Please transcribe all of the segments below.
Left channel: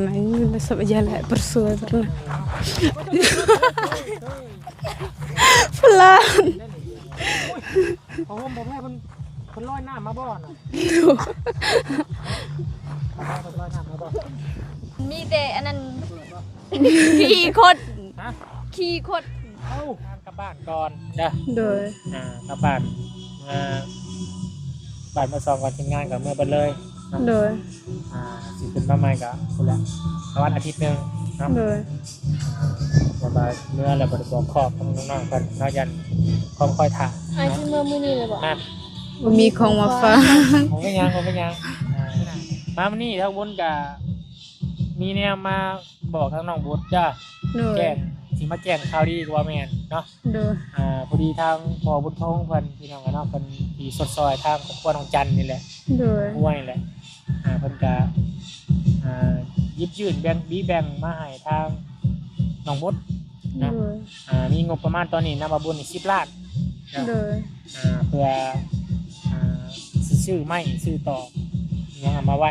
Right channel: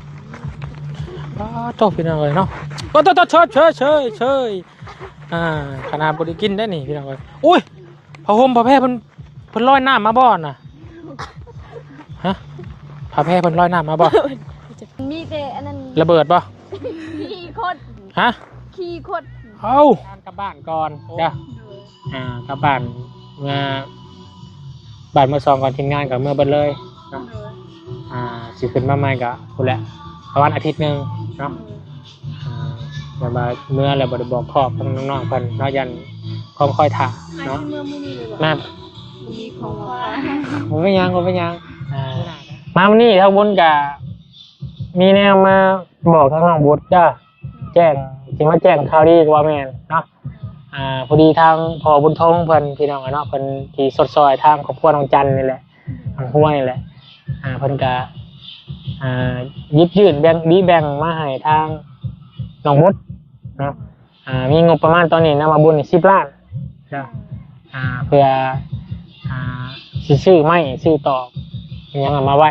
Nah, sama jalan persuat. โตพี่น้องเลยเนาะโอ้โตเชยกินได้นี่พี่น้องเลยอุ้ยพระห่มพระแพร่เพิ่นลอยน้ำมาบ่น่ะฮะพระแพร่เพิ่นลอยน้ำมาบ่ มีแต่อันนั้น ระเบิดบ่ ขี้คด ฮะ ขี้คด เอ้ากลับบ้านก่อนจ้ะ Doi. กลับบ้านเมื่อบ้านเมื่อ2ก่อนทีมงานกับเมื่อเบิดเลย Doi. สิขึ้นมาใหม่ก็พุ่นแหละประมาณอาทิตย์นึงเนาะ Doi. มาเมื่อแล้วบ่ได้บอกครอบน้องๆเพิ่นเนาะยันของค่อยถ่า อัน เนาะ ที่เมื่อมื้อนี้เลยบ่ แม่ มีของมาฝาก ผมไม่ยังมาวันนี้ถ้าบุญกับมีแนวมาบอกทางน้องบุญจ้าแจ้งจริงว่าแจ้งข่าวดีกว่าแม่นเนาะ Doi. พอดีทางพ่อบุญทงเพิ่นพี่น้องเนาะเพิ่นที่สดซอยทางครอบครัวน้องจันนี่แหละ Doi. ห้วยนี่แหละเพิ่นก็ยิบยื่นแบ่งมาให้ทางน้องบุญเนาะ Doi. มีงบประมาณตอนนี้นะมาบุญ10 ล้าน Doi. เพื่อสิซื้อไม้ซื้อตอกยังเอามาไว้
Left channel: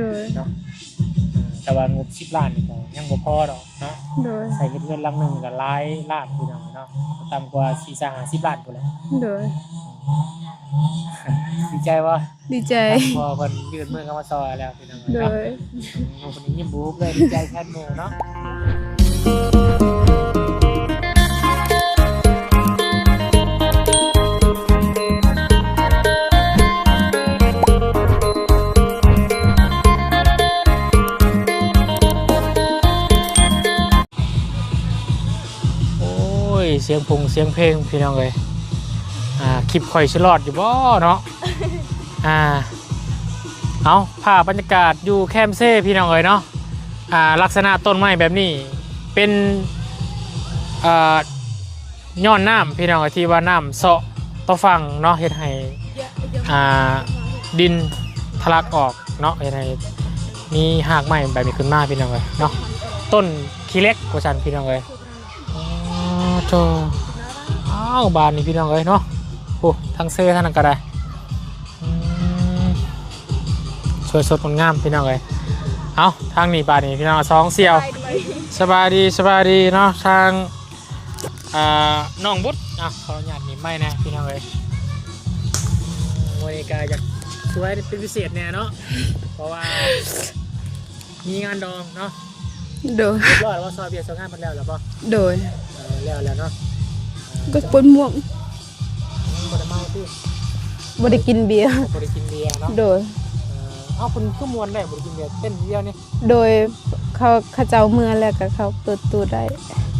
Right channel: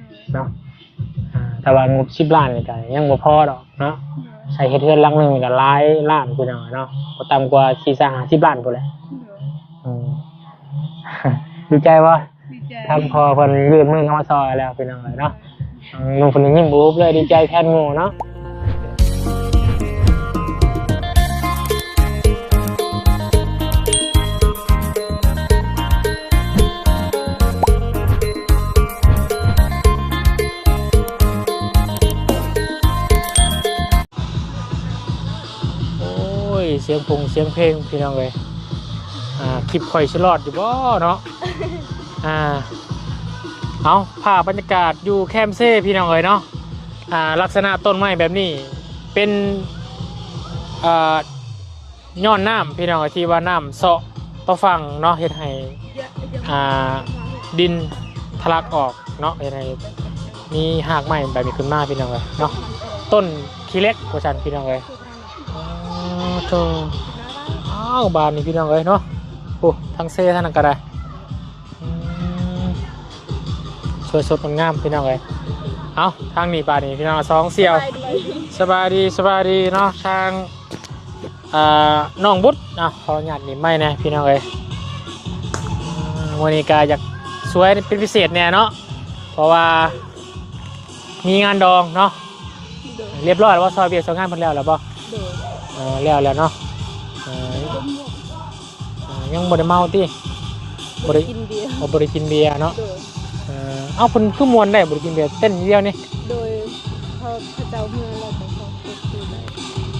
Doi. เนาะแต่ว่างบ10 ล้านนี่ก็ยังบ่พอดอกเนาะ Doi. ใช้เฮ็ดเรือนหลังนึงก็หลายล้านพุ่นเนาะบ่ต่ำกว่า40-50 ล้านพุ่นแหละ Doi. ดีใจว่า Đi ทาง chơi. พอเพิ่นยื่นมือเข้ามาซอยแล้วพี่น้องเนาะ Doi. น้องเพิ่นยิ้มบุบเลยดีใจแทนหมู่เนาะเสียงพงเสียงเพลงพี่น้องเลยคลิปข่อยฉลอดอยู่บ่เนาะเอาภาพบรรยากาศอยู่แคมเซ่พี่น้องเลยเนาะลักษณะต้นไม้แบบนี้เป็นย้อนน้ำพี่น้องที่ว่าน้ำเซาะตัวฟังเนาะเฮ็ดให้ดินทะลักออกเนาะเฮ็ดให้มีหากไม้แบบนี้ขึ้นมาพี่น้องเลยเนาะต้นขี้เล็กกว่าฉันพี่น้องเลยโธ่บานนี่พี่น้องเอ้ยเนาะโอ้ทั้งเซ่ทั้งนั้นก็ได้สวยสดงามพี่น้องเอ้ยเอาทางนี้บานนี่พี่น้อง2เสี่ยวสบายดีเนาะทางน้องบุตรขออนุญาตนี่ไม่นะพี่น้องเอ้ยวันนี้ก็อยากสวยเป็นพิเศษแน่เนาะเพราะว่ามีงานดองเนาะ Doi. เรียบร้อยแล้วว่าซอยเบียร์ซอยงานเพิ่นแล้วหรือเปล่า Doi. แล้วเนาะ Cái cuốn muộn. ยังบ่ได้เมาติ บ่ได้กินเบียร์ บ่ได้กินเบียร์เนาะ Doi. เอาเพิ่นคือมวนได้บ่ได้กินเบียร์เต้นอย่างเดียวนี่ Doi เขาเจ้าเมื่อแล้วก็เขาเปิดตู้ได้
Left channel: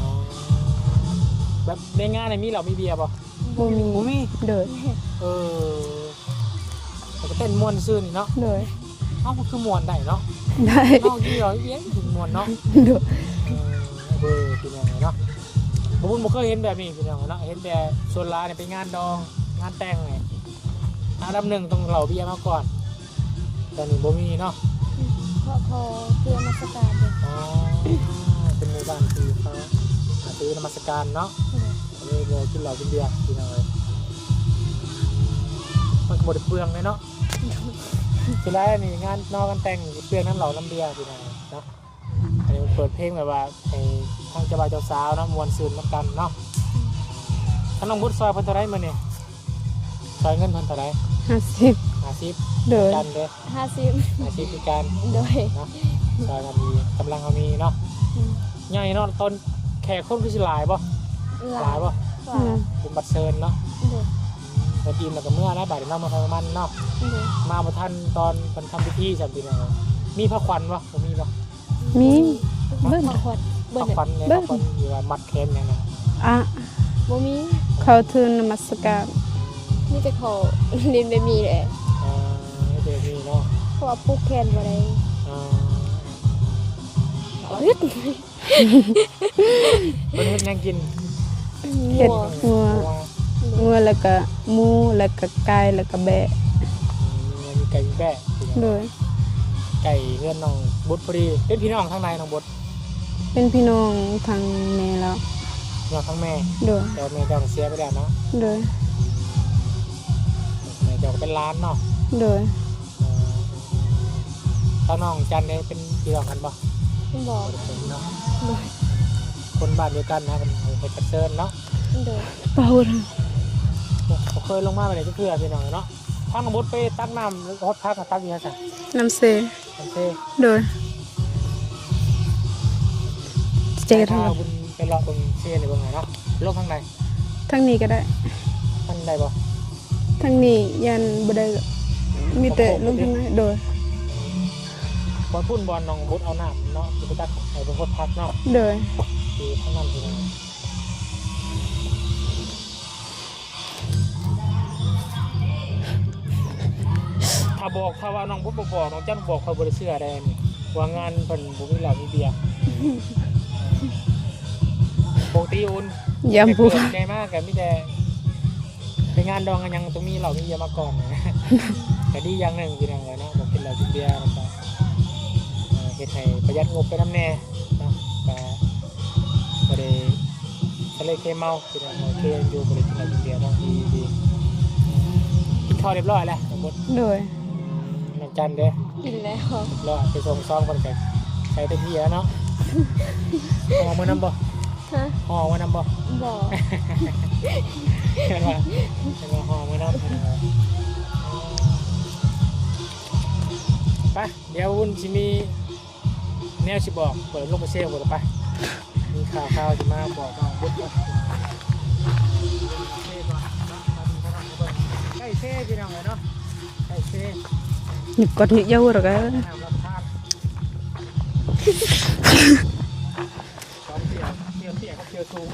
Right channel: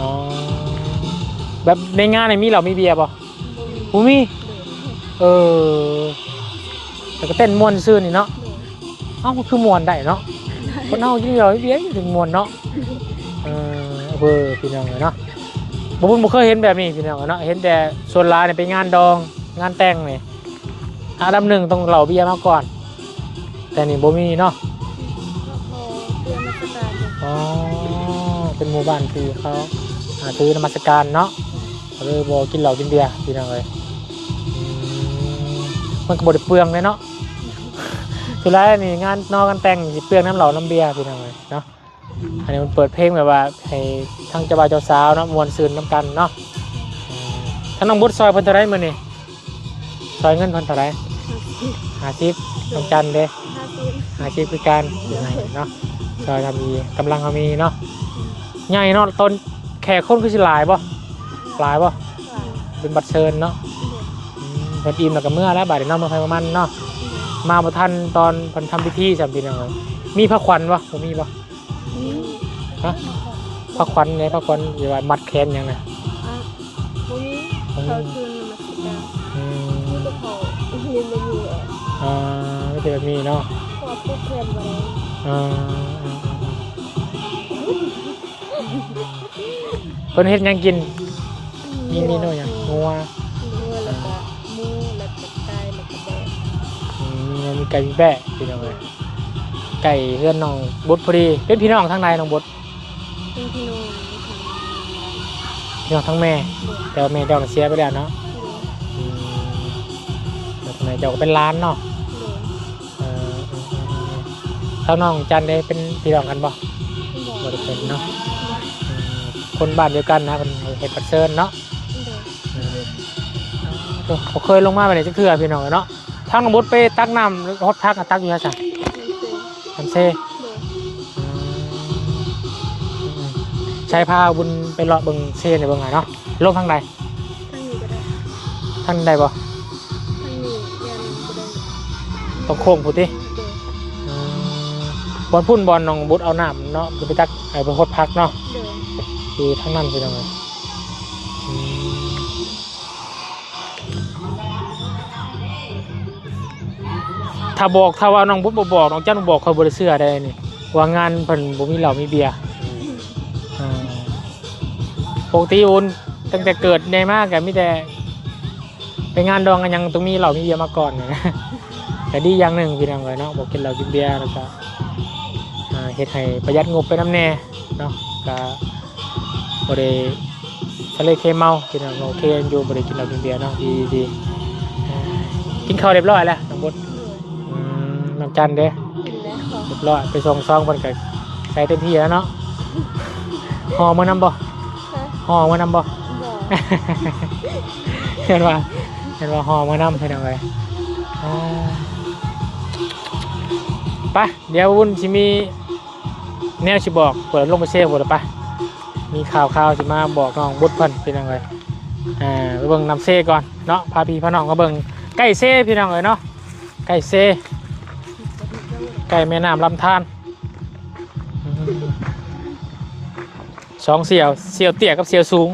อ๋อแบบในงานนี่มีเหล้ามีเบียร์บ่ บ่มี บ่มี Doi. แต่ก็เต้นม่วนซื่อนี่เนาะ Doi. เอ้าคือม่วนได้เนาะ ได้ เนาะกินเหล้าเบียร์ถึงม่วนเนาะ Doi. พี่น้องเนาะบ่เคยเห็นแบบนี้พี่น้องเนาะเห็นแต่ส่วนหลายนี่ไปงานดองงานแต่งนี่อันดับหนึ่งต้องเหล้าเบียร์มาก่อนแต่นี่บ่มีเนาะ เตือนมาสตาร์ท อ๋อเป็นหมู่บ้านที่เขาถือนมัสการเนาะเลยบอกกินเหล้ากินเบียร์พี่น้องเลยมันก็บไดเปลืองเลยเนาะสุดท้ายนี่งานนอกกันแต่งสิเปลืองน้ำเหล้าน้ำเบียร์พี่น้องเลยเนาะอันนี้มันเปิดเพลงแบบว่าให้ทั้งเจ้าบ่าวเจ้าสาวเนาะมวนซื่นน้ำกันเนาะทั้งน้องบุตรซอยเพิ่นเท่าไรมื้อนี่ซอยเงินเพิ่นเท่าไร 50 50จันเด้ 50 50คือการเนาะซอยทำดีกำลังเขามีเนาะใหญ่เนาะต้นแขกคนคือสิหลายบ่หลายบ่เป็นบัตรเชิญเนาะบัตรอิ่มแล้วก็เมื่อแล้วบัตรเนาะเมื่อไฟประมาณเนาะมาบ่ทันตอนเพิ่นทำพิธีจำเป็นยังไงมีพระขวัญบ่บ่มีบ่ มี ฮะพระขวัญไงพระขวัญอยู่ว่ามัดแขนยังนะ อ่ะ บ่มี เขาถือนมัสการ มีแต่ขอดินได้มีแหละ ไม่ใช่แบบนี้เนาะ เพราะว่าพูดเพื่อนมา เพิ่นเฮ็ดหยังกินมีเมนูหยังงัว งัวแล้วก็หมูแล้วก็ไก่แล้วก็แบะ มีไก่มีแปะพี่น้อง โดย ไก่เพื่อนน้องบุตรพอดีเป็นพี่น้องทั้งในน้องบุตร เป็นพี่น้องทางแม่แล้ว พี่น้องทั้งแม่ โดย แต่ว่าแม่เจ้าเสียไปแล้วเนาะ โดย แม่เจ้าก็เป็นร้านเนาะ โดย ทางน้องจันได้เป็นพี่น้องกันบ่ บอก บ่ได้เป็นเนาะคนบ้านเดียวกันนะเป็นเฮ็ดปัดเชิญเนาะ โดย ปะหุ่น บ่เคยลงมาไปไหนจักเทื่อพี่น้องเนาะทางน้องบดไปตักน้ำหรือฮดพักตักอยู่ฮะจ้ะ น้ำเซ น้ำเซ โดย ใช้พาบุญไปเลาะเบิ่งเซในเบิ่งไงเนาะลงทางใด ทั้งนี้ก็ได้ ทางใดบ่ ทั้งนี้ยันบ่ได้มี ต้องโค้งบ่ติ โดย บอลพุ่นบอลน้องบุดเอาน้ำเนาะไปตักไอ้ไปฮดพักเนาะ โดย คือทั้งนั้นพี่น้องถ้าว่าน้องบุดบ่บอกน้องจันบอกเขาบ่ได้เชื่อได้นี่ว่างานเพิ่นบ่มีเหล้ามีเบียร์ปกติโอนตั้งแต่เกิดได้มากก็มีแต่ไปงานดองกันยังต้องมีเหล้ามีเบียร์มาก่อนนะ แต่ดีอย่างหนึ่งพี่น้องเลยเนาะบอกกินเหล้ากินเบียร์แล้วก็เฮ็ดให้ประหยัดงบไปน้ำแน่เนาะก็บ่ได้ทะเลเคเมาพี่น้องโอเคอยู่บ่ได้กินเหล้ากินเบียร์เนาะดีกินข้าวเรียบร้อยแล้วน้องบด โดย น้ำจันเด้ กินแล้ว เรียบร้อยไปส่งซองมันก็ใส่เต็มที่แล้วเนาะห่อมื้อนำบ่ ฮะ ห่อมื้อนำบ่ บอก เห็นว่าห่อมื้อนำพี่น้องเอ้ยไปเดี๋ยววุ่นสิมีแนวสิบอกเปิดลงไปเซฟบ่ล่ะไปมีข่าวสิมาบอกน้องบุดเพิ่นพี่น้องเอ้ยไปเบิ่งน้ำเซก่อนเนาะพาพี่พาน้องมาเบิ่งไก่เซพี่น้องเอ้ยเนาะไก่เซ หยิบกดนิดเดียวหรอก ไก่แม่น้ำลำธารสองเสี่ยวเตี้ยกับเสี่ยวสูง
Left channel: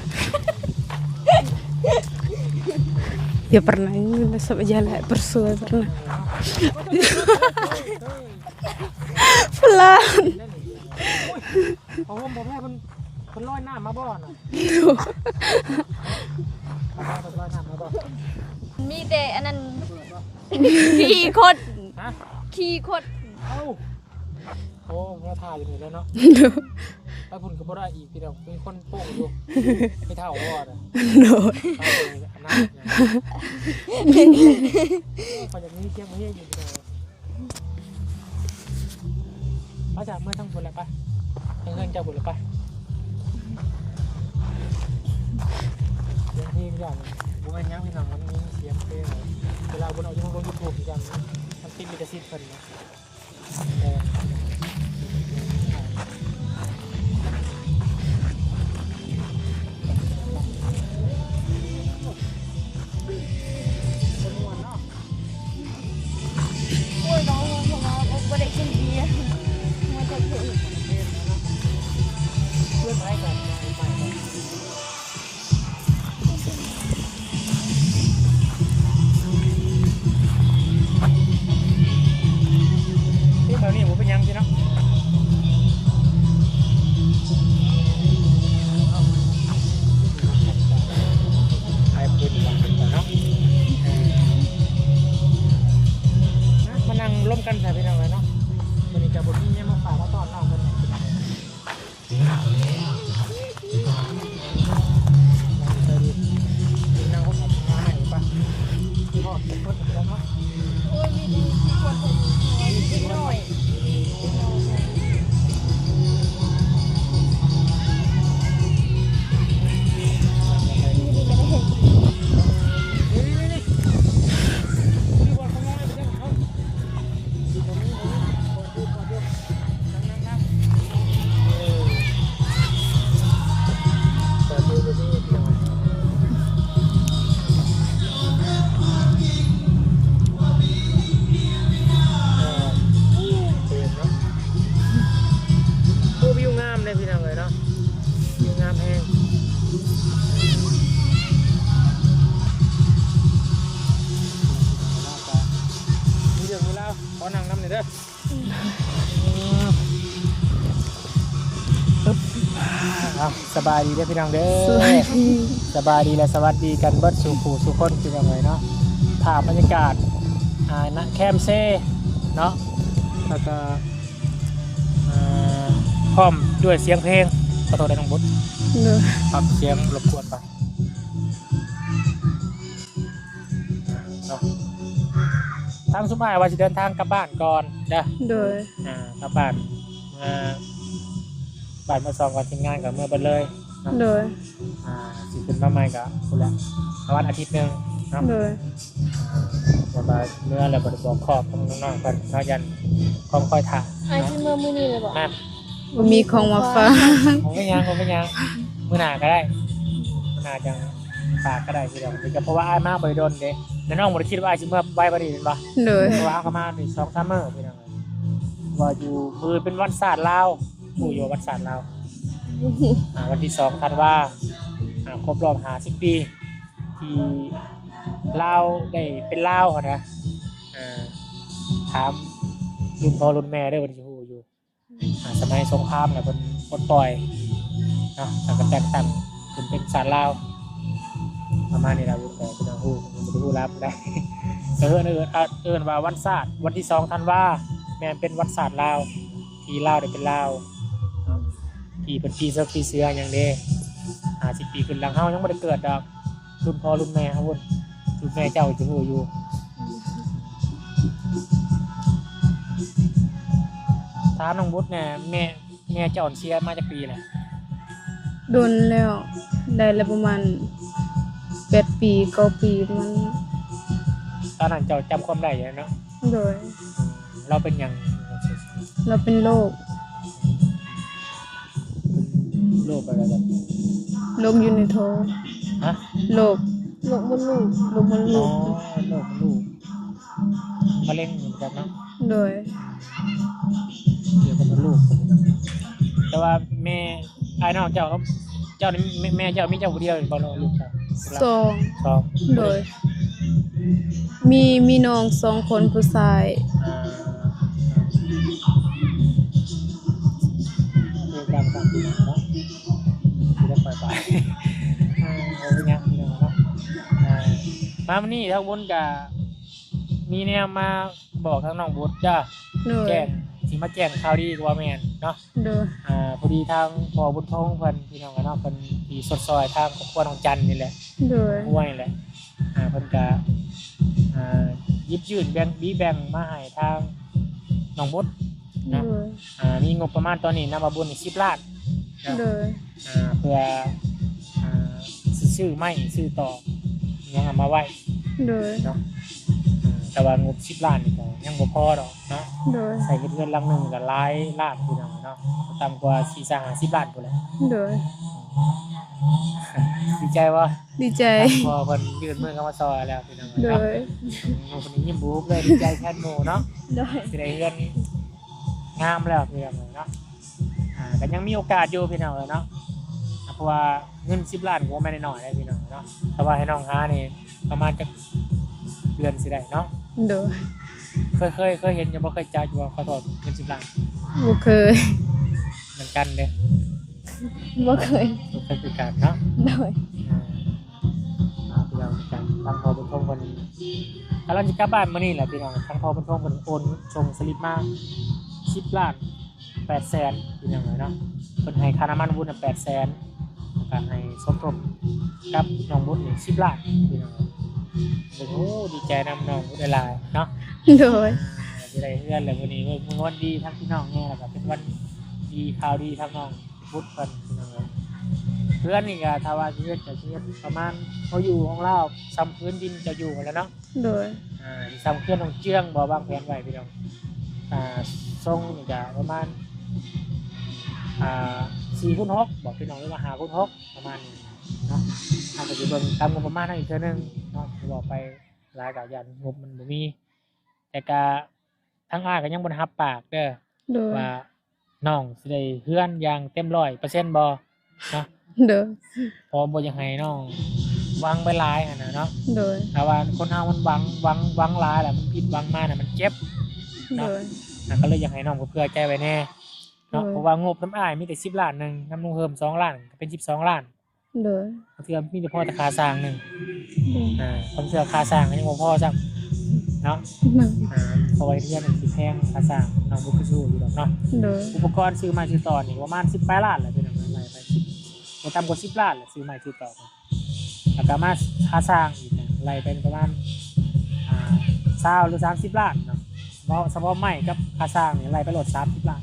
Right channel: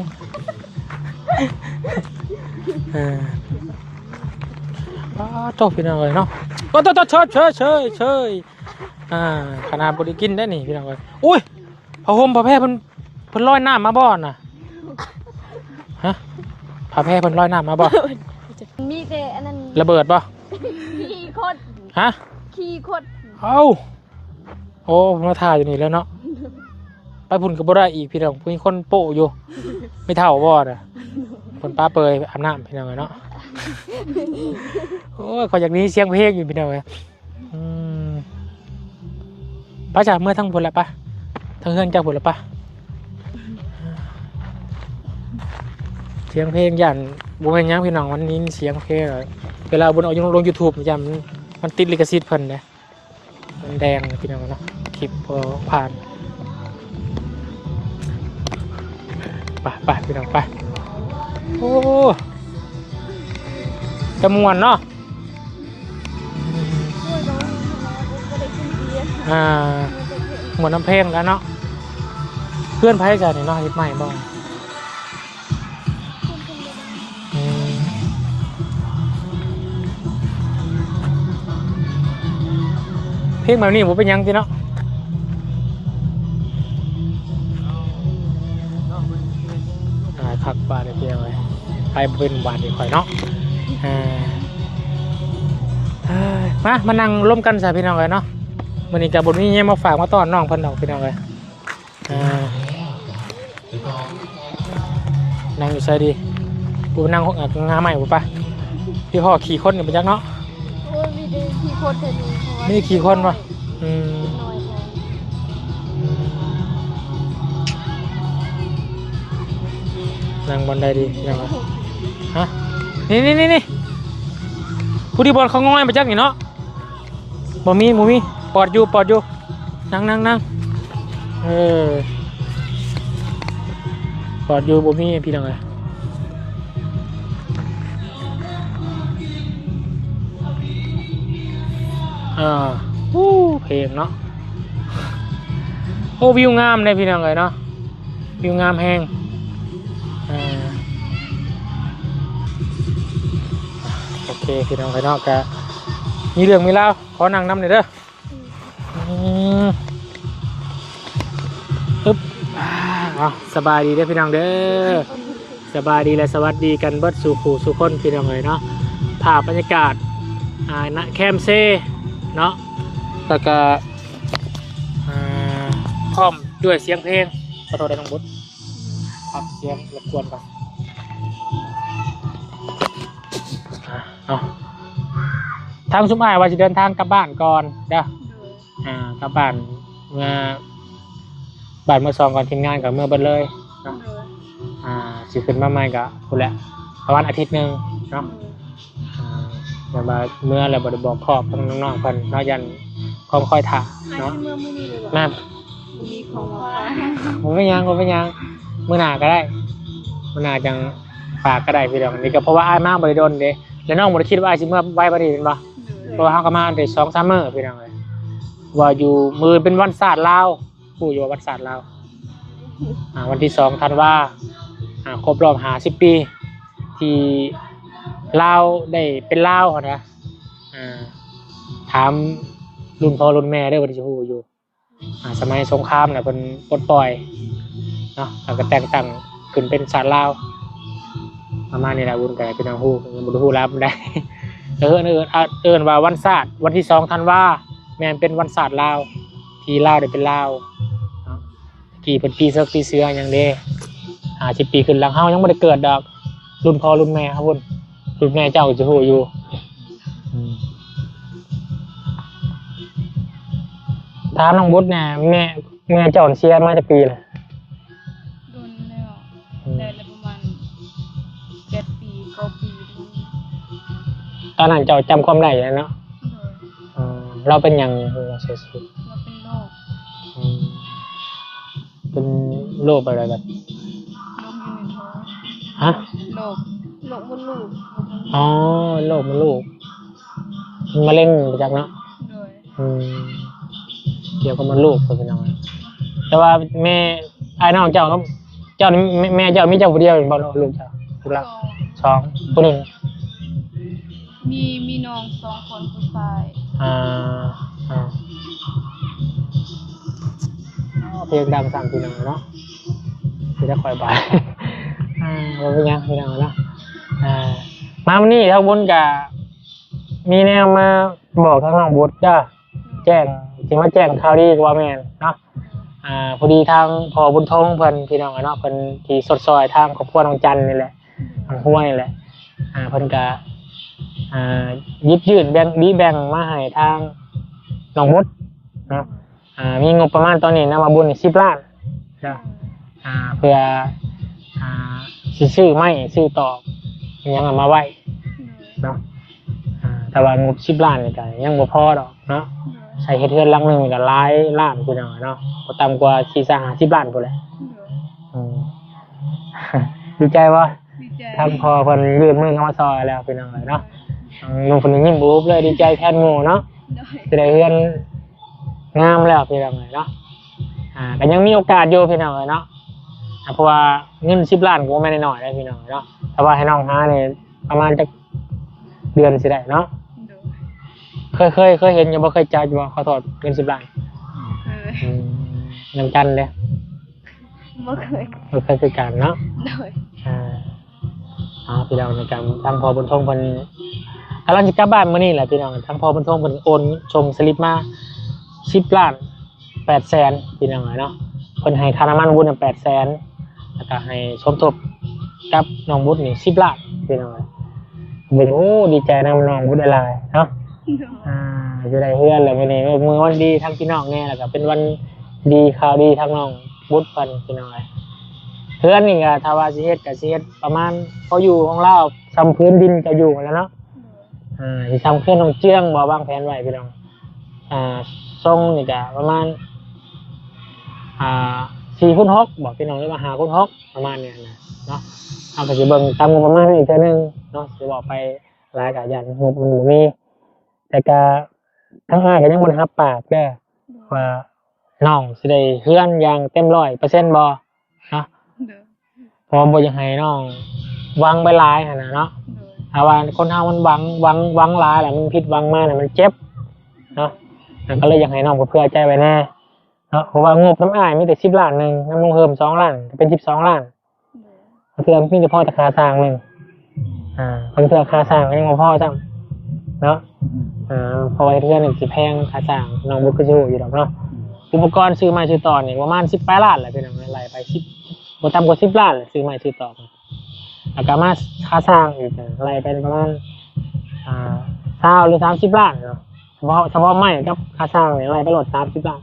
Ya pernah ini sama jalan bersuara. โตพี่น้องเลยเนาะโอ้โตเชยกินได้นี่พี่น้องเลยอุ้ยผ้าห่มผ้าแพร่เพิ่นลอยน้ำมาบ่อนน่ะฮะผ้าแพร่เพิ่นลอยน้ำมาบ่ มีแต่อันนั้น ระเบิดบ่ ขี่คด ฮะ ขี่คด เอ้าโอ้มาถ่ายอยู่นี่แล้วเนาะไปพุ่นก็บ่ได้อีกพี่น้องมีคนโปะอยู่ไม่เท่าบ่อ่ะคนป้าเปยอำนาจพี่น้องเนาะโอ้ยขอจากนี้เสียงเพลงอยู่พี่น้องเลยป้าจากเมื่อทั้งพุ่นละป้าทั้งเฮือนจากพุ่นละป้าเสียงเพลงอย่างบุญยังพี่น้องวันนี้เสียงเพลงเวลาบุญเอาลง YouTube ประจำมันติดลิขสิทธิ์เพิ่นเลยมันแดงพี่น้องนะคลิปผ่านไปพี่น้องไปโอ้จะม่วนเนาะ โอ้ยน้องก็ได้กินเบียร์ ม่วนน้ำเพลงกันเนาะเพื่อนไพ่กันนี่เนาะฮิตใหม่บ้างเพลงแบบนี้ผมเป็นยังสิเนาะพักบ้านเที่ยวไปเป็นบ้านอีกหน่อยเนาะมานั่งร่วมกันสาพี่น้องเลยเนาะวันนี้กับบทนี้เนี่ยมาฝากมาต้อนน้องพันดอกพี่น้องเลยนั่งอยู่ใช่ดีกูนั่งห้องงานใหม่กูปะพี่พ่อขี่คนกับไปจักเนาะ โอ้ยมีแต่ขี่คดแต่ดี ไม่ขี่คนปะ น้อยพอ นั่งบอลได้ดียังไงฮะนี่ผู้ที่บอลเขาง่อยไปจักนี่เนาะบ่มีปอดอยู่นั่งปอดอยู่บ่มีพี่น้องไงเพลงเนาะโอ้วิวงามเลยพี่น้องเลยเนาะวิวงามแห้งโอเคพี่น้องเลยเนาะกะมีเรื่องมีเล่าขอนั่งน้ำหน่อยเด้อปึ๊บสบายดีเด้อพี่น้องเด้อสบายดีและสวัสดีกันเบิดสู่ผู้สู่คนพี่น้องเลยเนาะภาพบรรยากาศณแคมเซ่เนาะแล้วก็พร้อมด้วยเสียงเพลงขอโทษได้ทั้งหมดปรับเสียงรบกวนไปเนาะ ทางชุมอ้ายว่าจะเดินทางกลับบ้านก่อนจ้ะ โดย กลับบ้านเมื่อบ้านเมื่อซองก่อนทีมงานกับเมื่อเบิดเลยเนาะ โดย สิขึ้นมาใหม่ก็พุ่นแหละประมาณอาทิตย์หนึงเนาะ โดย แต่ว่าเมื่อแล้วบ่ได้บอกครอบทั้งน้องๆเพิ่นเนาะยันของคอยถ่า อาจ เนาะ จะเมื่อมื้อนี้เลยบ่ น้า บ่มีของมาฝาก ผมไม่ยังมื้อหน้าก็ได้มื้อหน้าจังฝากก็ได้พี่น้องนี่ก็เพราะว่าอ้ายมาบ่ได้โดนเด้แล้วน้องบ่ได้คิดว่าอ้ายสิเมื่อไว้บ่ได้เป็นบ่ โดย เพราะว่าเขาก็มาได้2-3 มื้อพี่น้องเอ้ยว่าอยู่มือเป็นวันศาสตร์ลาวผู้อยู่ว่าวันศาสตร์ลาววันที่2ธันวาครบรอบ50 ปีที่ลาวได้เป็นลาวนะถามรุ่นพ่อรุ่นแม่ได้วันที่ฮู้อยู่สมัยสงครามน่ะเพิ่นปลดปล่อยเนาะแล้วก็แต่งตั้งขึ้นเป็นศาสตร์ลาวประมาณนี้ล่ะวุ่นก็เป็นทางฮู้ผมบ่รู้ฮู้ลาวปานใดเอิ้นว่าวันศาสตร์วันที่2ธันวาแม่นเป็นวันศาสตร์ลาวที่ลาวได้เป็นลาวเนาะกี่เป็นปีเสือกปีเสือหยังเด้50 ปีขึ้นหลังเฮายังบ่ได้เกิดดอกรุ่นพ่อรุ่นแม่ครับพุ่นรุ่นแม่เจ้าจะฮู้อยู่ถามน้องบุตรเนี่ยแม่เจ้าเสียมาจากปีเลย โดนแล้วได้แล้วประมาณ8 ปี9 ปีประมัน ตอนนั้นเจ้าจำความได้แล้วเนาะ โดย เราเป็นหยังเราเสียชีวิต เราเป็นโรค เป็นโรคอะไรแบบ โรคอยู่ในท้อง ฮะ โรค หลงมันลูก โรคมะเร็ อ๋อง โรคมันลูกมะเร็งประจักเนาะ โดย เกี่ยวกับมันลูกเป็นยังไงแต่ว่าแม่ไอ้น้องเจ้าก็เจ้าแม่เจ้ามีเจ้าผู้เดียวเป็นบ่ลูกเจ้า สอง 2คนหนึ่ง มีน้อง2 คนผู้ชาย เพลงดังสั่งพี่น้องเนาะที่จะคอยบายเราเป็นยังพี่น้องเนาะมาวันนี้ถ้าวุ้นกับมีแนวมาบอกทางน้องบุตรจ้า โดย แจ้งจริงว่าแจ้งข่าวดีกว่าแม่นเนาะ โดย พอดีทางพอบุญทงเพิ่นพี่น้องเนาะเพิ่นที่สดซอยทางครอบครัวน้องจันนี่แหละ โดย ห้วยนี่แหละเพิ่นก็ยิบยื่นแบ่งมาให้ทางน้องบุตร โด เนาะ ย มีงบประมาณตอนนี้นะมาบุญ10 ล้าน โดย เพื่อสิซื้อไม้ซื้อตอกอิหยังเอามาไว้ โดย เนาะแต่ว่างบ10 ล้านนี่ก็ยังบ่พอดอกเนาะ โดย ใช้เฮ็ดเรือนหลังหนึงก็หลายล้านพุ่นน่ะเนาะบ่ต่ำกว่า40-50 ล้านพุ่นแหละ โดย ดีใจว่า ดีใจ ทางพอเพิ่นยื่นมือเข้ามาซอยแล้วพี่น้อง โด เนาะ ย น้องคนนี้ยิ้มบูบเลยดีใจแทนหมู่เนาะ โดย สิได้เฮือนงามแล้วพี่น้องเนาะก็ยังมีโอกาสอยู่พี่น้องเนาะเพราะว่าเงิน10 ล้านก็ไม่ได้น้อยเลยพี่น้องเนาะแต่ว่าให้น้องหาเนี่ยประมาณจักเดือนสิได้เนาะ โดย เคยเห็นอยู่บ่เคยจ่ายอยู่บ่ขอโทษเงิน10 ล้าน บ่เคย น้ำจันเลย บ่เคย บ่เคยคือกันเนาะ โดย พี่น้องในการทางพอบุญทงเพิ่นกำลังจะกลับบ้านมื้อนี้แหละพี่น้องทางพอบุญทงเพิ่นโอนส่งสลิปมา10 ล้าน8 แสนพี่น้องเนาะเพิ่นให้ค่าน้ำมันบุญ8 แสนแล้วก็ให้สมทบกับน้องบุญนี่10 ล้านพี่น้องเบิ่งโอ้ดีใจนำน้องบุญหลายเนาะ โดย จะได้เฮือนแล้วมื้อนี้มื้อวันดีทั้งพี่น้องแน่แล้วก็เป็นวันดีข่าวดีทั้งน้องบุญเพิ่นพี่น้องเฮือนนี่ก็ถ้าว่าสิเฮ็ดก็สิเฮ็ดประมาณพออยู่ของเราซ้ำพื้นดินจะอยู่แล้วเนาะ โดย สิซ้ำพื้นของเจื้องบ่วางแผนไว้พี่น้องทรงนี่ก็ประมาณ4x6บอกพี่น้องหรือว่า5x6ประมาณเนี้ยนะเนาะเอาก็สิเบิ่งตามงบประมาณอีกเทื่อนึงเนาะสิบอกไปหลายก็ยันงบมันบ่มีแต่ก็ทั้งอ้ายก็ยังบ่รับปากเด้อ โดย ว่าน้องสิได้เฮือนอย่างเต็ม100%บ่เนาะ โดย เพราะบ่อยากให้น้องหวังไปหลายหั่นน่ะเนาะ โดย ถ้าว่าคนเฮามันหวังหลายแล้วมันผิดหวังมากน่ะมันเจ็บ โดย ก็เลยอยากให้น้องเพื่อใจไว้แน่เนาะเพราะว่างบน้ำอ้ายมีแต่10 ล้านนึงน้ำลงเพิ่ม2 ล้านก็เป็น12 ล้าน โดย บางเทื่อมีแต่พอแต่ค่าสร้างนึงบางเทื่อค่าสร้างยังบ่พอซ้ำเนาะเพราะว่าเทื่อนึงสิแพงค่าสร้างน้องบ่คือสิฮู้อยู่ดอกเนาะ โดย อุปกรณ์ซื้อมาซื้อต่อนี่ประมาณ18 ล้านแหละพี่น้องไล่ไป10บ่ต่ำกว่า10 ล้านซื้อมาซื้อต่อแล้วก็มาค่าสร้างอีกไล่ไปประมาณ 20หรือ30ล้านเนาะเฉพาะไม้กับค่าสร้างเนี่ยไม้ไปโหลด30ล้าน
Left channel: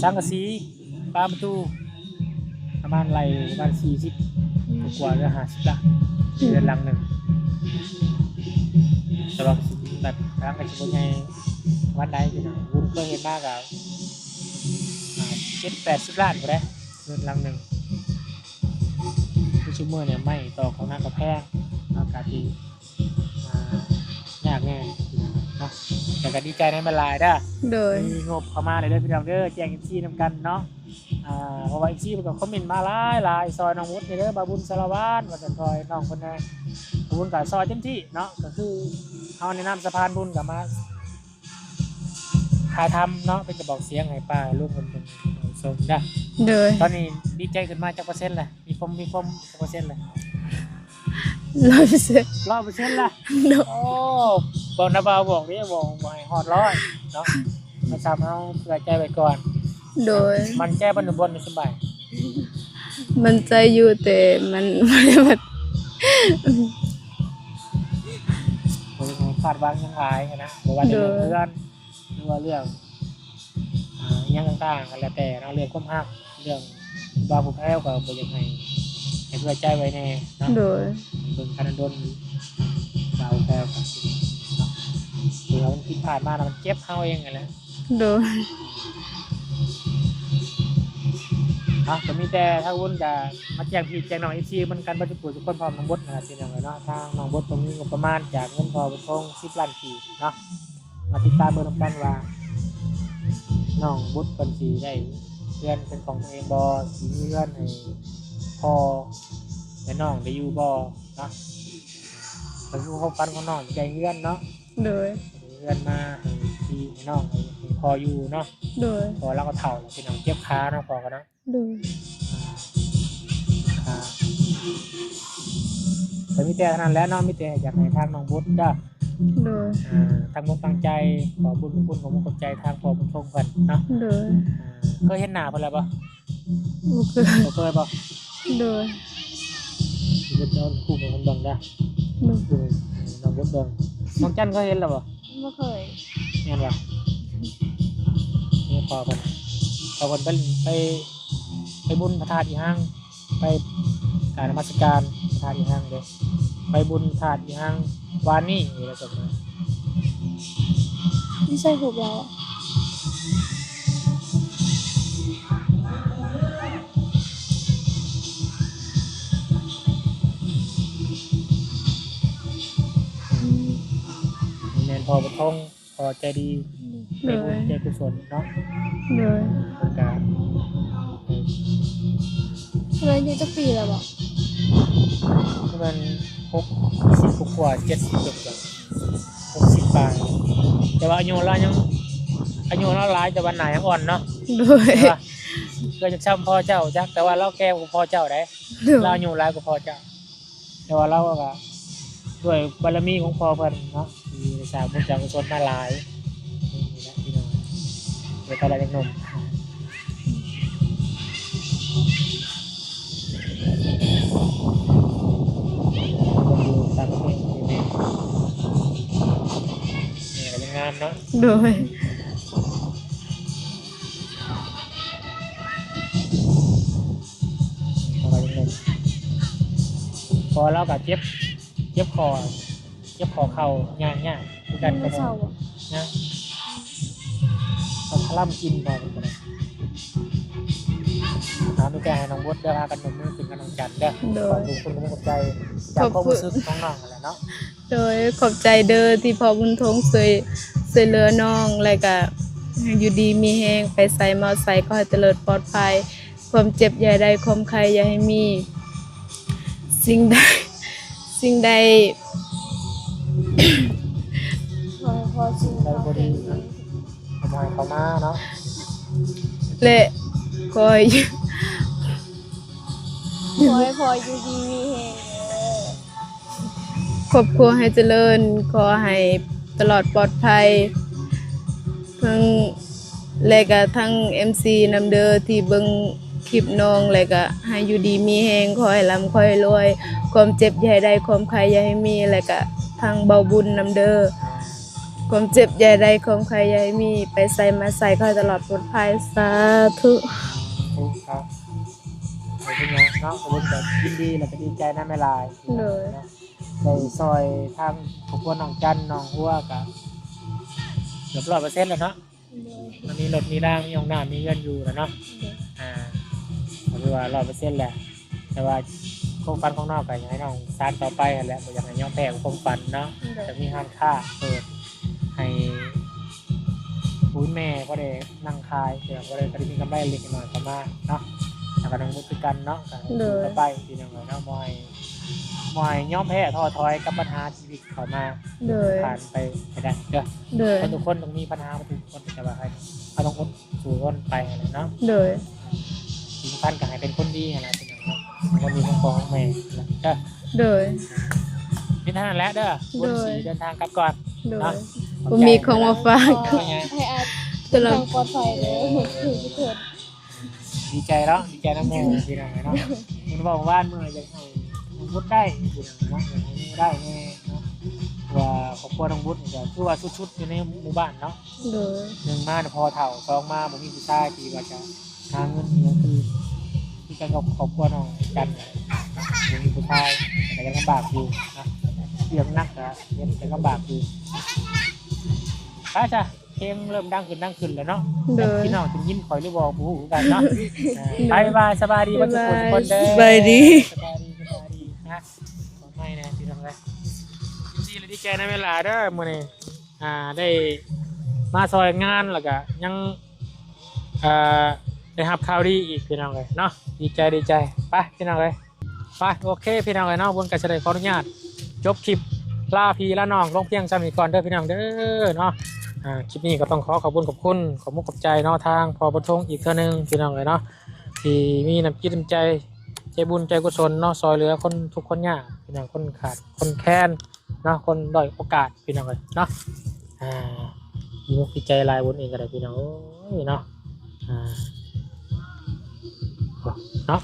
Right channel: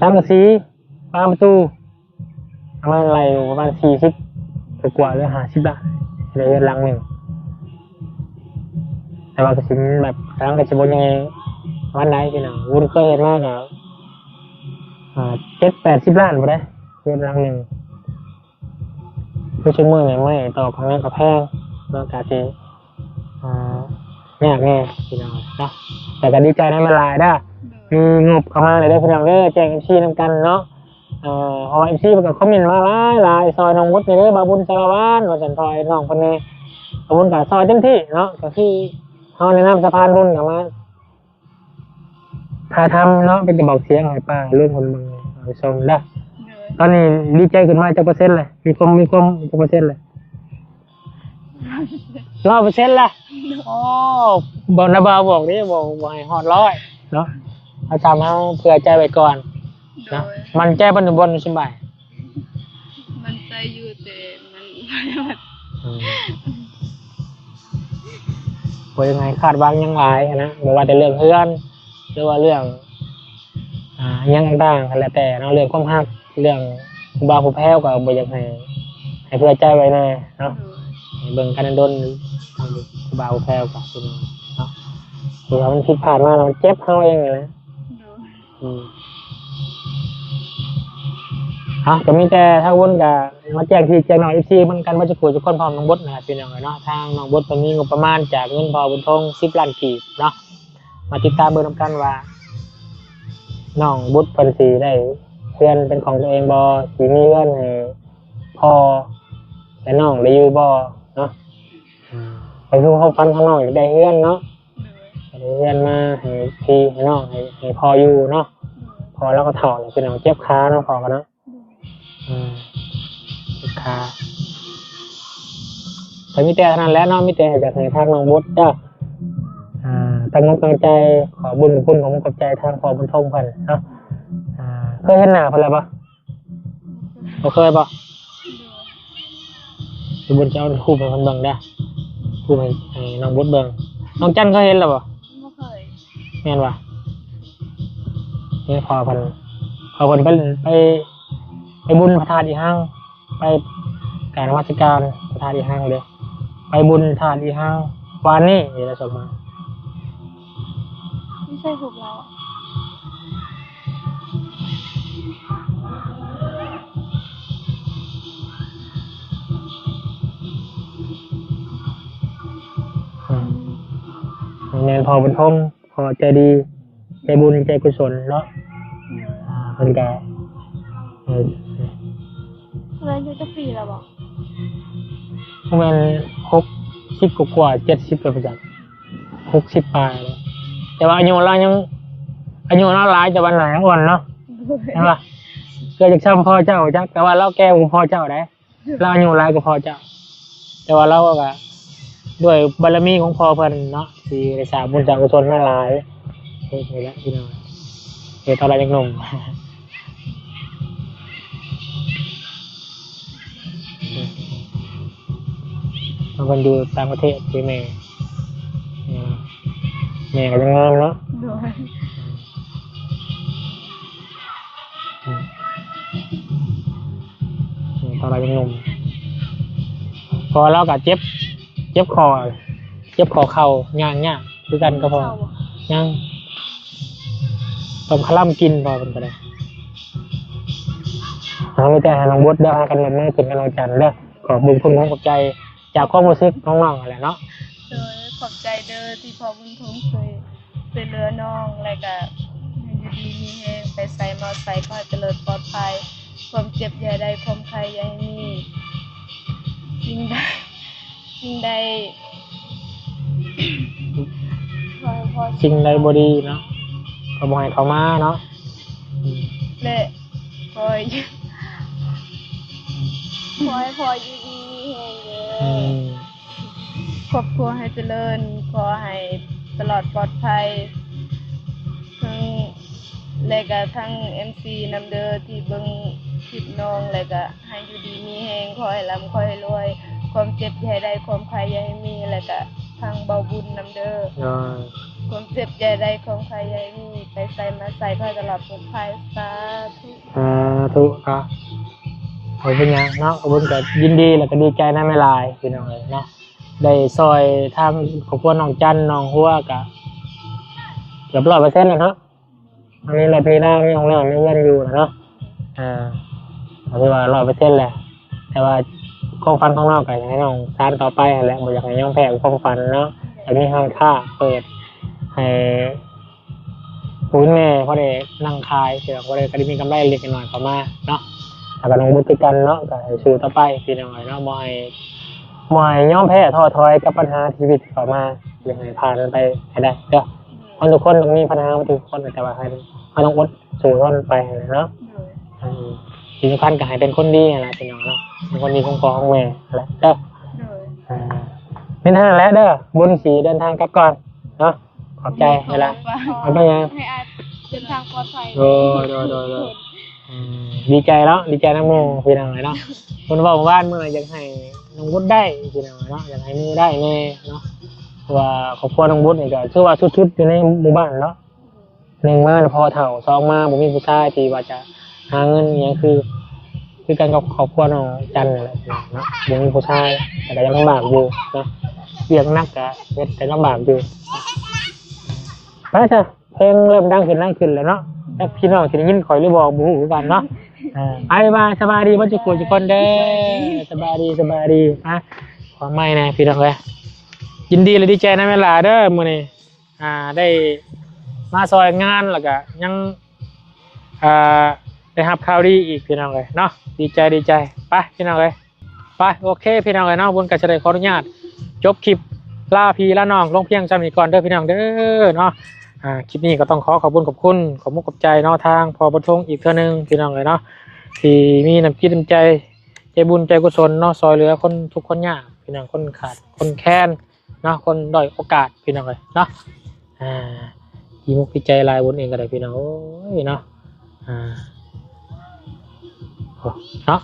สังกะสีบานประตูเอามาอะไรประมาณ40กว่าหรือ50ล้านในเรือนหลังหนึงแต่ว่าก็สิแบบทางก็จะบ่ใหญ่วันไหนพี่น้องวุ้นเคยเห็นมาก็7-80ล้านบ่ได้เรือนหลังหนึงคือชั่วโมงเนี่ยไม่ต่อของงานกับแพงเรื่องการที่ไม่อยากแน่พี่น้องเนาะแต่ก็ดีใจให้มาลายได้ โดย มีงบเข้ามาเลยได้พี่น้องเด้อแจ้ง MC นำกันเนาะพอ MC มันก็คอมเมนต์มาหลายซอยน้องวุฒิเด้อบาบุญสารวัตรว่าสันทอยน้องคนนี้บาบุญกับซอยเต็มที่เนาะก็คือเขาแนะนำสะพานบุญเข้ามาพาทำเนาะเป็นกระบอกเสียงให้ป้าร่วมคนมึงส่งได้ โดย ตอนนี้ดีใจขึ้นมาจะ%เลยมีความจะ%เลย 100% 100%ละโอ้บอกนะบ่าวบอกนี่บอกให้ฮอด100เนาะเอาทำให้เผื่อใจไว้ก่อน โดย มันใจบนสบาย มันใจอยู่แต่มันไม่ได้มา ว่ายังไงคาดหวังยังหลายนะไม่ว่าแต่เรื่องเพื่อนหรือว่าเรื่องยังต่างๆกันแล้วแต่เนาะเรื่องความรักเรื่องผู้บ่าวผู้แพ้วก็บ่อยากให้เผื่อใจไว้แน่เนาะ โดย ให้เบิ่งกันดนผู้บ่าวผู้แพ้วก็เป็นเนาะคือเรามันผิดพลาดมาเราเจ็บเฮาเองนะ โดย จะมีแต่ถ้าวนกับมาแจ้งที่แจ้งน้องFCมันกันว่าจะป่วยจะคนพร้อมน้องบดนะพี่น้องเนาะทางน้องบดตรงนี้งบประมาณจากเงินพอบุญทง10 ล้านกีบเนาะมาติดตามเบอร์นำกันว่าน้องบดเพิ่นสิได้เพื่อนเป็นของตัวเองบ่สิมีเงินให้พ่อและน้องได้อยู่บ่เนาะไปสู่ความฝันของน้องอยากได้เงินเนาะ โดย ได้เงินมาให้พี่ให้น้องให้พ่ออยู่เนาะ โดย พอแล้วก็ถอดพี่น้องเจ็บขาเนาะพอกันนะ โดย ค่ะแต่มีแต่นั้นแล้วเนาะมีแต่จากในทางน้องมดจ้ะ โดย ตั้งตั้งใจขอบุญคุณของขอบใจทางพอบุญทงเพิ่นเนาะ โดย เคยเห็นหน้าเพิ่นแล้วปะ บ่เคย บ่เคยปะ โดย บุญจะเอาคู่เป็นคนเบิ่งได้คู่ให้น้องมดเบิ่งน้องจันเคยเห็นแล้วปะ ไม่เคย แม่นปะนี่พอเพิ่นไปบุญพระธาตุอีห้างไปการนมัสการพระธาตุอีห้างเลยไปบุญธาตุอีห้างวานนี้นี่แหละสมมา ไม่ใช่ผมแล้ว แม่นพอบุญทงพอใจดีใจบุญใจกุศลเนาะ โดย มันก็ อะไรนี่จะปีแล้วบอก ประมาณ60 กว่า70ไปประจัก60 ปลายแต่ว่าอายุเราหลายแต่ว่าหลายอ่อนเนาะ โดย ใช่ปะเกิดจากซ้ำพ่อเจ้าจ้ะแต่ว่าเราแก่กว่าพ่อเจ้าได้ โดย เราอายุหลายกว่าพ่อเจ้า แต่ว่าเราก็ด้วยบารมีของพ่อเพิ่นเนาะที่ได้สร้างบุญสร้างกุศลมาหลายนี่แหละพี่น้องเดี๋ยวตอนเรายังหนุ่มมันอยู่ต่างประเทศที่แม่ก็ยังงามเนาะ โดย ตอนเรายังหนุ่มพอเราก็เจ็บคอเข่าย่างคือกันก็พอ เศร้าบอก ย่างต้มขลั่มกินพอเป็นไปได้เราไม่แต่หาน้องบดเด้อหากันมันไม่เป็นกำลังใจเด้อขอบบุญคุณของขอบใจจากความรู้สึกของน้องอะไรเนาะ โดยขอบใจเด้อที่พ่อบุญทงช่วยเหลือน้องแล้วก็อยู่ดีมีแฮงไปใส่มาใส่ก็ให้เจริญปลอดภัยความเจ็บอย่าได้ความใครอย่าให้มีสิ่งใด พอ สิ่งใดบ่ดีเนาะก็บ่ให้เขามาเนาะ และคอย พออยู่ดีมีแหง ครอบครัวให้เจริญขอให้ตลอดปลอดภัยทั้งและก็ทั้ง MC นำเด้อที่เบิ่งคลิปน้องและก็ให้อยู่ดีมีแฮงขอให้ร่ำขอให้รวยความเจ็บอย่าให้ได้ความใครอย่าให้มีและก็ ทางเบาบุญนำเด้อ โดย ความเจ็บใหญ่ใดความใครอย่าให้มีไปใส่มาใส่ก็ให้ตลอดปลอดภัยสาธุ ตุครับโอ้เป็นไงเนาะบุญก็ยินดีแล้วก็ดีใจนะไม่ลายพี่น้องเนาะได้ซอยทางครอบครัวน้องจันน้องหัวกะเกือบ100%แล้วเนาะอันนี้เราพี่หน้าของเราไม่ยังอยู่นะเนาะเอาไปว่า100%แหละแต่ว่าความฝันของเราก็อยากให้น้องสานต่อไปแหละบ่อยากให้ย่องแพ้ความฝันเนาะแต่มีห้างค่าเปิดให้คุณแม่พอได้นั่งคายเสือพอได้ก็ได้มีกำไรเล็กน้อยเข้ามาเนาะแล้วก็น้องบุตรกันเนาะก็ให้สู่ต่อไปพี่น้องเนาะบ่ให้ย่อมแพ้ท้อถอยกับปัญหาชีวิตเข้ามาเดี๋ยวผ่านไปให้ได้เด้อ โดย คนทุกคนต้องมีปัญหามาทุกคนแต่ว่าให้ต้องอดสู้ทนไปเนาะ โดย สิ่งสำคัญก็ให้เป็นคนดีอะไรพี่น้องเนาะเป็นคนดีของพ่อของแม่อะไรเด้อ โดย เป็นทางแล้วเด้อบุญสีเดินทางกลับก่อน โดย เนาะขอบ บ่ ใจ มีของมาฝาก เอาไปยัง ให้อา ตลอ ทา ด งปลอดภัย โดยดีใจแล้วดีใจนะโมพี่น้องเนาะคนบอกว่าเมื่ออยากให้น้องบุญได้พี่น้องเนาะอยากให้มูได้แน่เนาะว่าครอบครัวน้องบุญนี่ก็คือว่าชุดๆอยู่ในหมู่บ้านเนาะ โดย หนึ่งมาพอเถ่าสองมาผมมีผู้ชายที่ว่าจะหาเงินเนี่ยคือการกับครอบครัวน้องจันอะไรเนาะยังมีผู้ชายแต่ก็ยังลำบากอยู่เนาะเรียกนักกะเฮ็ดแต่ลำบากอยู่ไปจ้ะเพลงเริ่มดังขึ้นแล้วเนาะ โดย พี่น้องที่ได้ยินคอยได้บอกบูฮูกันเนาะไปมาสบายดีมันจะกุนทุกคนเด้อ สบายดี สบายดีอ่ะความไม่นะพี่น้องเลยยินดีเลยดีใจนะเวลาเด้อมื้อนี้ได้มาซอยงานแล้วก็ยังได้รับข่าวดีอีกพี่น้องเลยเนาะดีใจไปพี่น้องเลยไปโอเคพี่น้องเลยเนาะบนกระเฉลยขออนุญาตจบคลิปลาพี่ละน้องลงเพียงจำนี้ก่อนเด้อพี่น้องเด้อเนาะคลิปนี้ก็ต้องขอบคุณขอบมุกขอบใจเนาะทางพอบทงอีกเท่านึงพี่น้องเลยเนาะที่มีน้ำจิตน้ำใจบุญใจกุศลเนาะซอยเหลือคนทุกคนยากพี่น้องคนขาดคนแค้นเนาะคนด้อยโอกาสพี่น้องเลยเนาะยิ้มพิจัยลายบนเองก็ได้พี่น้องโอ้ยเนาะเนาะ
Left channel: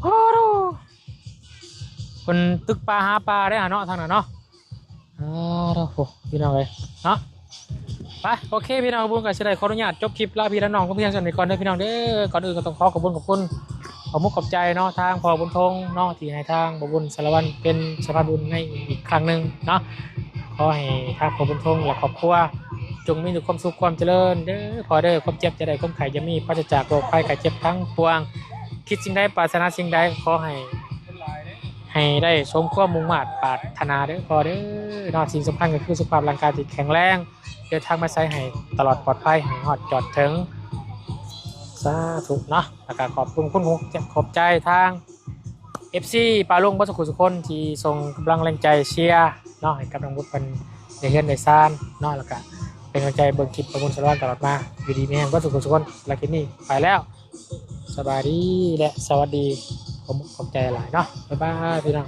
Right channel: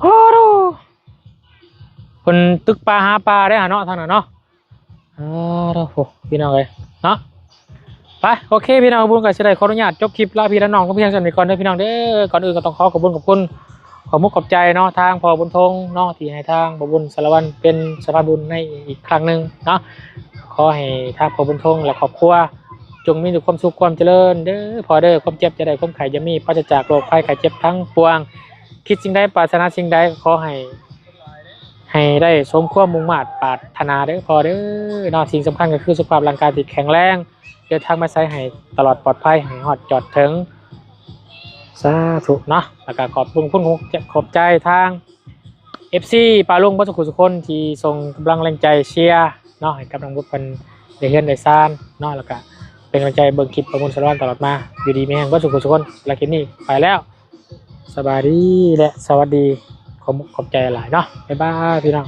โอ้โหคนตึกปลาหาปลาได้เนาะท่านเนาะโอ้โหพี่น้องเลยเนาะไปโอเคพี่น้องบุญกับเฉลยขออนุญาตจบคลิปลาพี่และน้องก็เพียงสำหรับก่อนเด้อพี่น้องเด้อก่อนอื่นก็ต้องขอบคุณขอมุกขอบใจเนาะทางพอบุญทงเนาะที่ให้ทางบุญสารวัตรเป็นสะพานบุญในอีกครั้งหนึ่งเนาะขอให้ทางพอบุญทงและครอบครัวจงมีแต่ความสุขความเจริญเด้อพอเด้อความเจ็บจะได้ความไข่จะมีพระจะจากโรคภัยไข้เจ็บทั้งปวงคิดสิ่งใดปรารถนาสิ่งใดขอให้ได้สมความมุ่งมั่นปรารถนาเด้อพอเด้อเนาะสิ่งสำคัญก็คือสุขภาพร่างกายที่แข็งแรงเดินทางมาใช้ให้ตลอดปลอดภัยให้ฮอดจอดถึงสาธุเนาะแล้วก็ขอบคุณคุณหูขอบใจทาง FC ปาลุงบัสกุสุคนที่ส่งกำลังแรงใจเชียร์เนาะให้กำลังบุญเป็นในเฮือนในซ่านเนาะแล้วก็เป็นกำลังใจเบิ่งคลิปประมวลสารวัตรตลอดมาอยู่ดีแม่งบัสกุสุคนลาคลิปนี้ไปแล้วสบายดีและสวัสดีขอบใจหลายเนาะบ๊ายบายพี่น้อง